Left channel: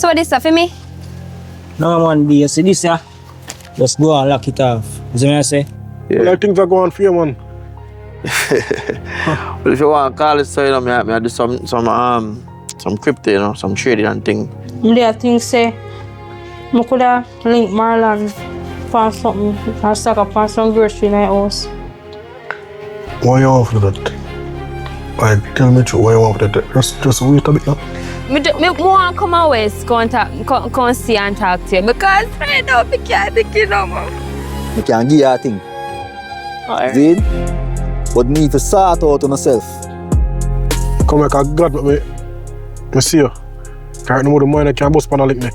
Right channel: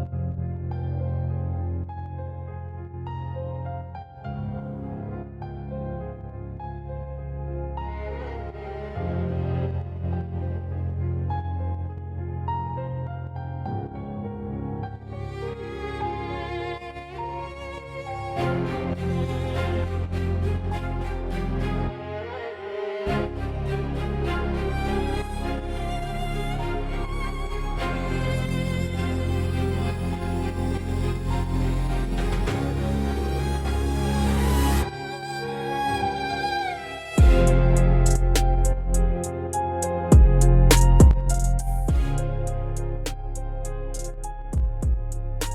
So what is that for me? No man, B, you see this yeah? Just go and lock it off. You see what I say? Yeah. Well, things are going for you, man. But if you want to call it so, you know, I do some crypto, you know, some trading and thing. I think say I could have linked Marlon for something or stock up for some grocery in my house. Why you want for that? Like, tell me true, why you want for that? Just wait a bit now. I want to come away, come see and talk to you because right now I can't take it no more. You can't give you a thing. Zid, but me to sort out on myself. Come like a God, but me see you. Can't no more the money I can't bust pan lick me.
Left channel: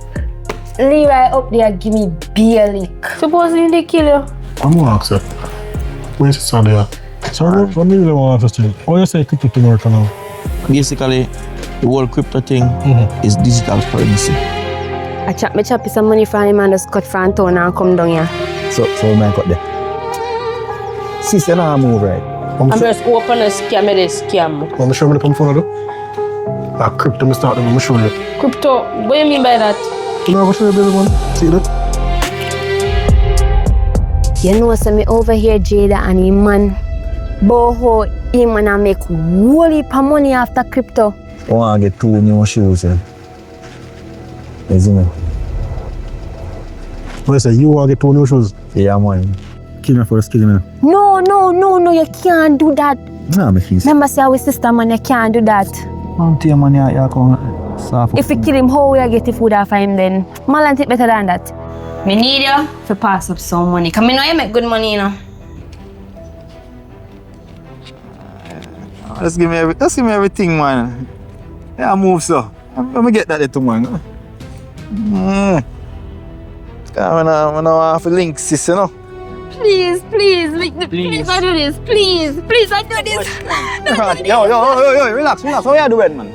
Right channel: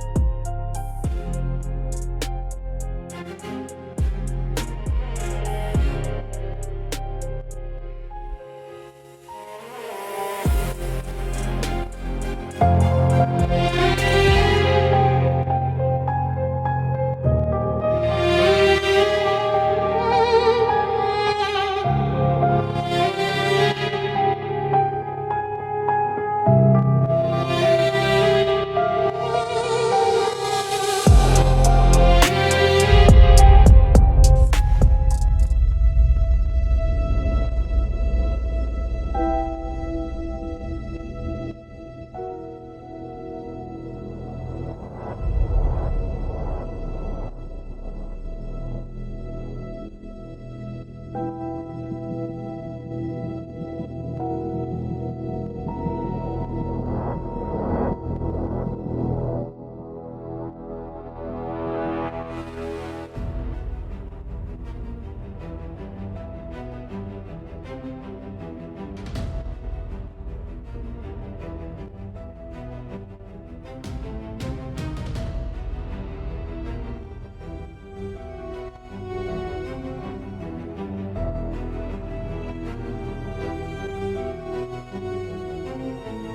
Levi up there give me beer lick. Supposing they kill you. I'm gonna ask you. Where's the son there? So what do you want to say? How you say crypto to work now? Basically, the whole crypto thing is digital currency. I chop some money from him and just cut from town and come down here. So man got there. Sister, now move right. I'm just open a scam, this scam. Want to show me the come phone, though? That crypto, me start them, I'm show you. Crypto, what do you mean by that? You know, I'm show you, baby, man. See that? You know, so me over here, Jada and him man. Boho, him and I make whole heap of money after crypto. I want to get 2 new shoes. You see me? What you say, you want to get 2 new shoes? Yeah, man. Kill me first, kill me. No, you can't do that. Nah, me feel. Remember, say our sister, man, you can't do that. I'm telling you, man, you come soft. If we kill him, how will I get the food off of him then? Marlon take better than that. Me need you to pass up some money. Because I know you make good money, you know. Just give me everything, man. Yeah, I move so. Let me get that little man. I want to link, sis, you know. Please, please, I do this. Please, I do this. Yo, relax. How you doing, man?